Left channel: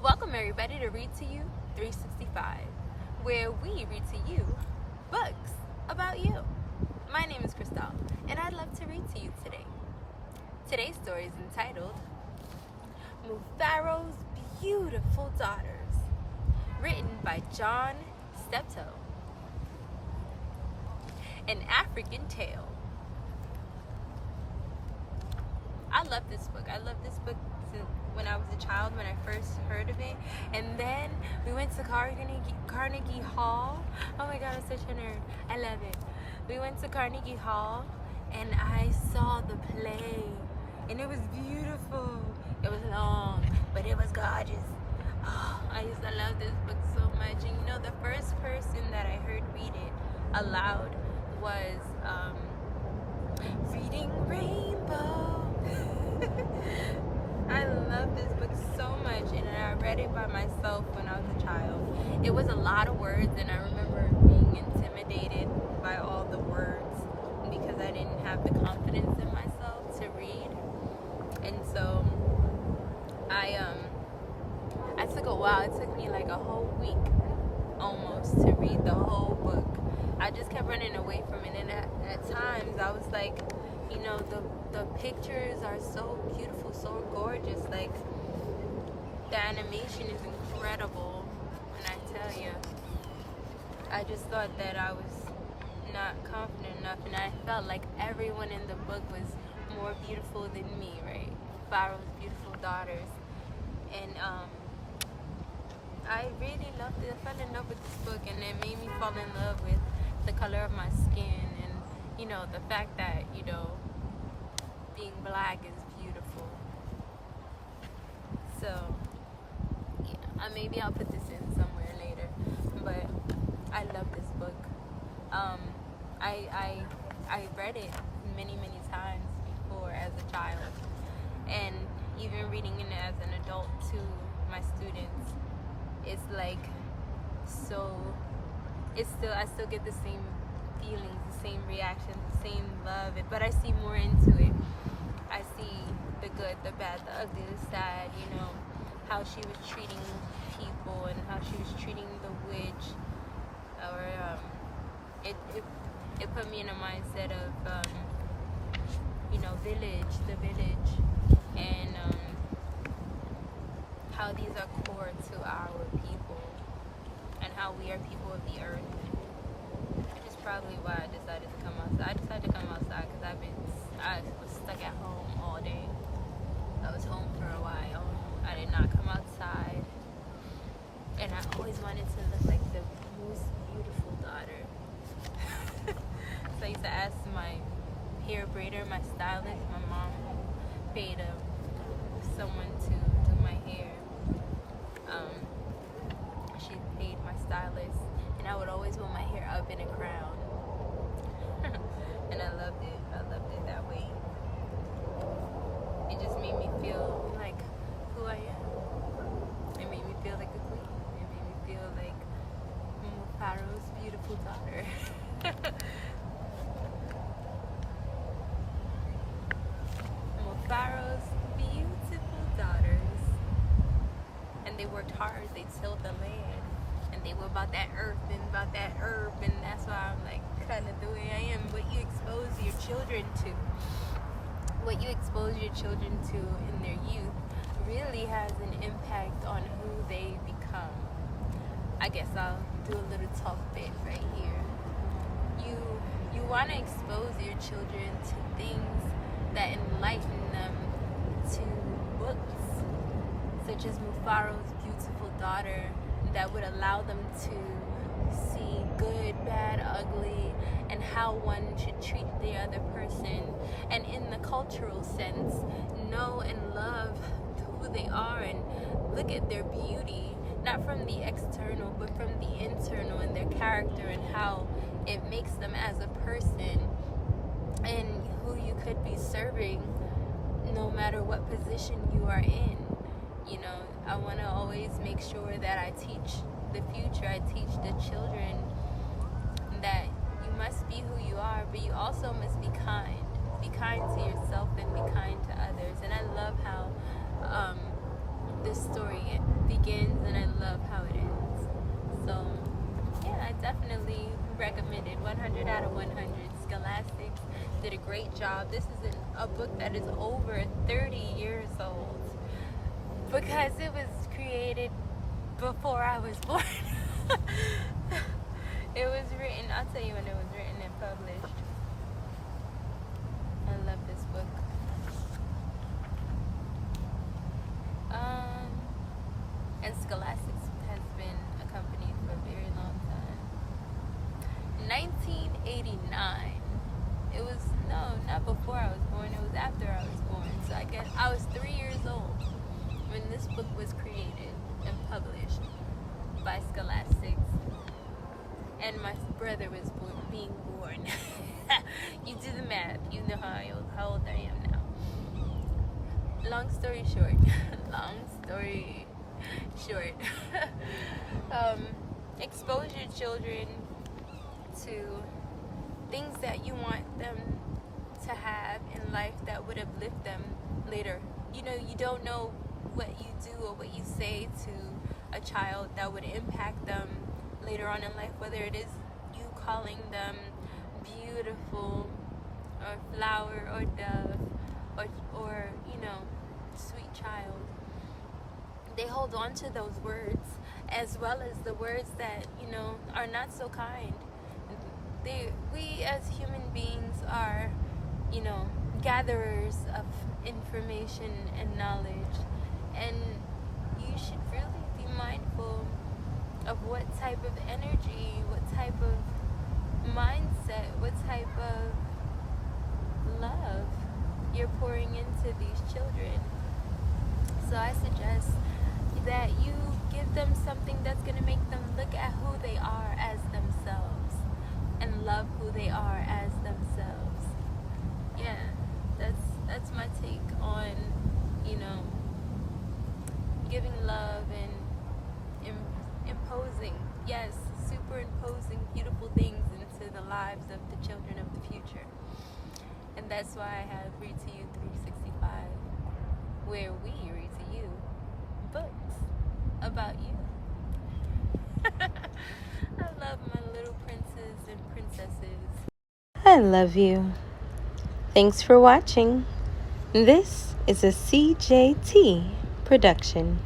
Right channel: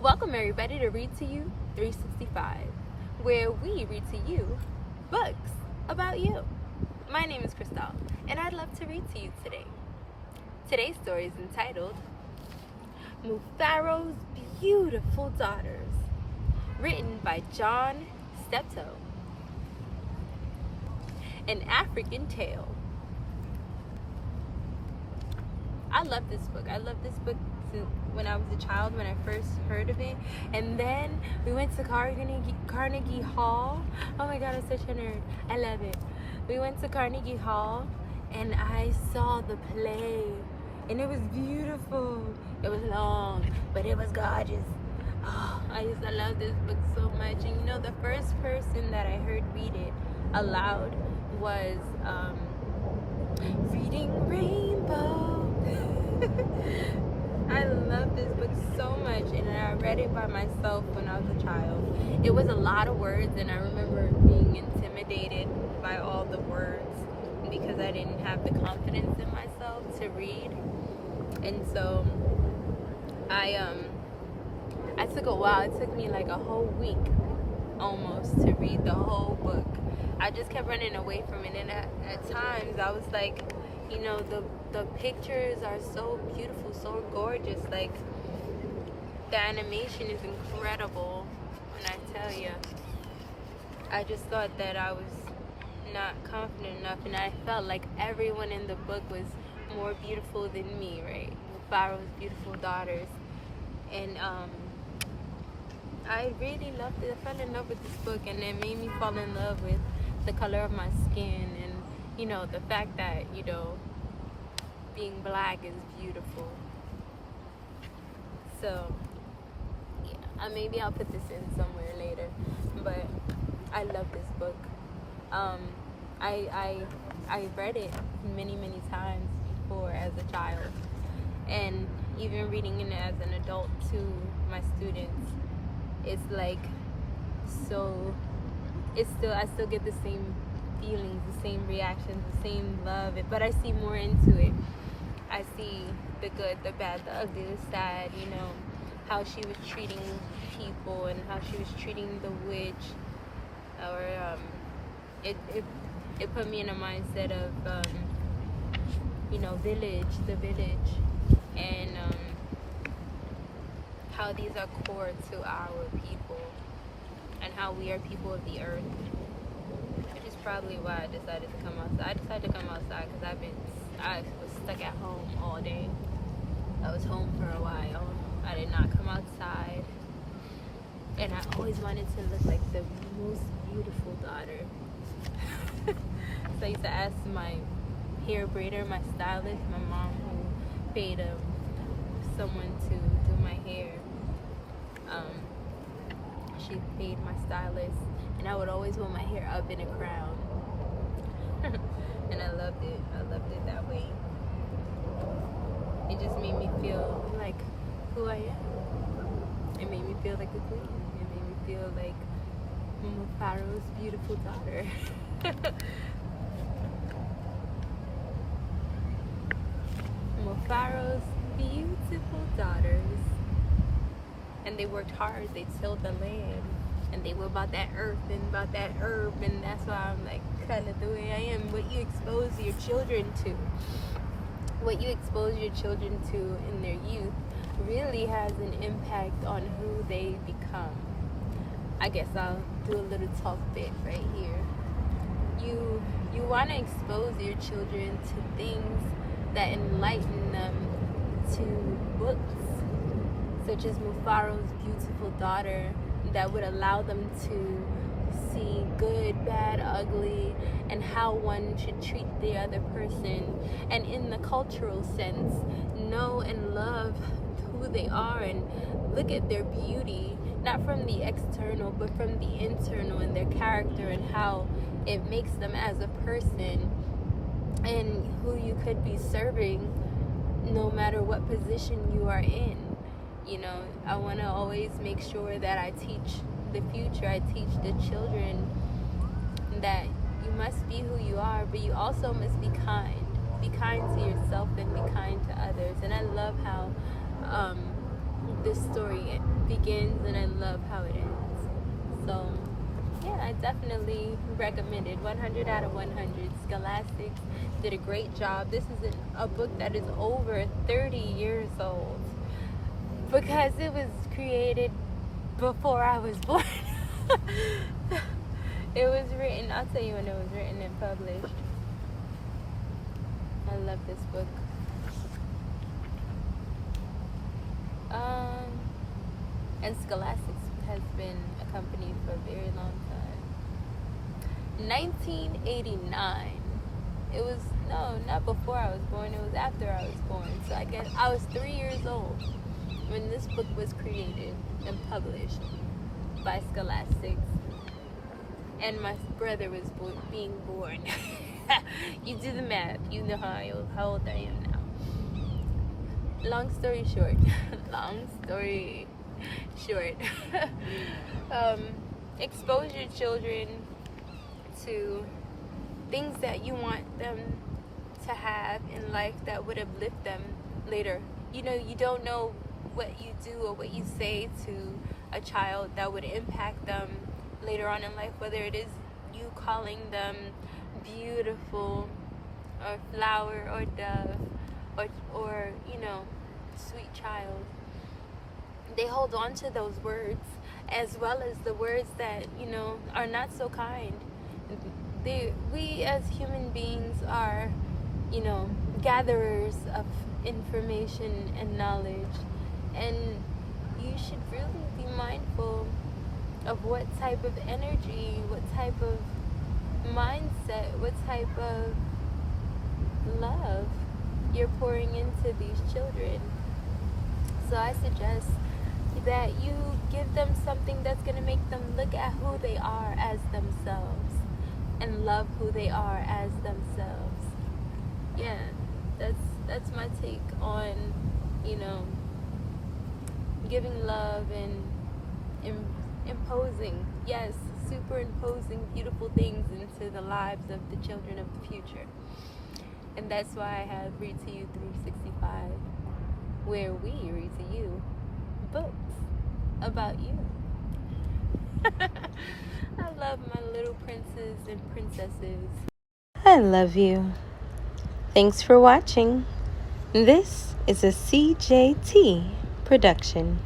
Welcome everybody to Read to You 365, where we read to you books about you. My name is Cristal, and I'd love to read to you today. Today's story is entitled Mufaro's Beautiful Daughters, written by ByJohn Steptoe. An African Tale. I love this book. I love this book since when I was a child, when I first heard of it. And then we went to Carnegie Hall. Oh my God, I'm such a nerd. I love it. We went to Carnegie Hall and I saw the play. And it was beautiful. It was long, but it was gorgeous. Oh, I used to love this book so much. And you know, the first person that I heard read it aloud was Reading Rainbow. I love this book so much, and I read it by myself when I was a child. It was a lot of words, and I remember being intimidated by all the words because I didn't have the confidence in myself to read. And so I took a while. It took me like a whole week almost to read the whole book. I just kept running away from it, and at times I was like, you know, the pictures are so beautiful, so gorgeous. Like, the animation is incredible. And I tell you, I just thought that I was not confident enough, and I felt like everyone in the book was more beautiful than me, right? Mufaro's beautiful daughters. And I really loved it. I fell in love with this book, and it made me fall in love with the color of my skin, and you know, the fact that, you know, being black is beautiful. So yeah, maybe I'll put this in somewhere later, but I love this book. I read it many times before as a child, and even reading it as an adult to my students, it's like so. I still get the same feelings, the same reactions, the same love, but I see more into it. I see the good, the bad, the ugly, the sad, you know, how she was treating people and how she was treating the witch. Or it put me in a mindset of you know, the village, and how these are core to our people and how we are people of the earth. Which is probably why I decided to come outside. I decided to come outside because I was stuck at home all day. I was home for a while. I did not come outside. And I always wanted to look like the most beautiful daughter. So I used to ask my hair braider, my stylist, my mom, who paid someone to do my hair. She paid my stylist, and I would always want my hair up in a crown. And I loved it. I loved it that way. It just made me feel like who I am. It made me feel like a queen. It made me feel like Mufaro's beautiful daughter. Mufaro's beautiful daughters. And they worked hard. They tilled the land, and they were about that earth and about that herb, and that's why I'm like kind of the way I am. What you expose your children to, what you expose your children to in their youth, really has an impact on who they become. I guess I'll do a little talk bit right here. You want to expose your children to things that enlighten them, to books such as Mufaro's beautiful daughter, that would allow them to see good, bad, ugly, and how one should treat the other person, and in the cultural sense, know and love who they are and look at their beauty, not from the external but from the internal, and their character and how it makes them as a person, and who you could be serving no matter what position you are in. You know, I want to always make sure that I teach the future, I teach the children that you must be who you are, but you also must be kind. Be kind to yourself and be kind to others. And I love how this story begins, and I love how it ends. So yeah, I definitely recommend it. 100 out of 100. Scholastics did a great job. This is a book that is over 30 years old because it was created before I was born. It was written, I'll tell you when it was written and published. I love this book. And Scholastics has been a company for a very long time. 1989. It was, no, not before I was born, it was after I was born. So I guess I was 3 years old when this book was created and published by Scholastics. And my brother was being born. You do the math. You know how old I am now. Long story short. Expose your children to things that you want them to have in life that would uplift them later. You know, you don't know what you do or what you say to a child that would impact them later on in life, whether it is you calling them beautiful or flower or dove or you know, sweet child. They hold on to those words as well as the words that, you know, are not so kind. We as human beings are, you know, gatherers of information and knowledge, and you should really be mindful of what type of energy, what type of mindset, what type of love you're pouring into these children. So I suggest that you give them something that's going to make them look at who they are as themselves and love who they are as themselves. Yeah, that's my take on, you know, giving love and imposing, yes, superimposing beautiful things into the lives of the children of the future. And that's why I have Read to You 365, where we read to you books about you. I love my little princes and princesses. I love you. Thanks for watching. This is a CJT production.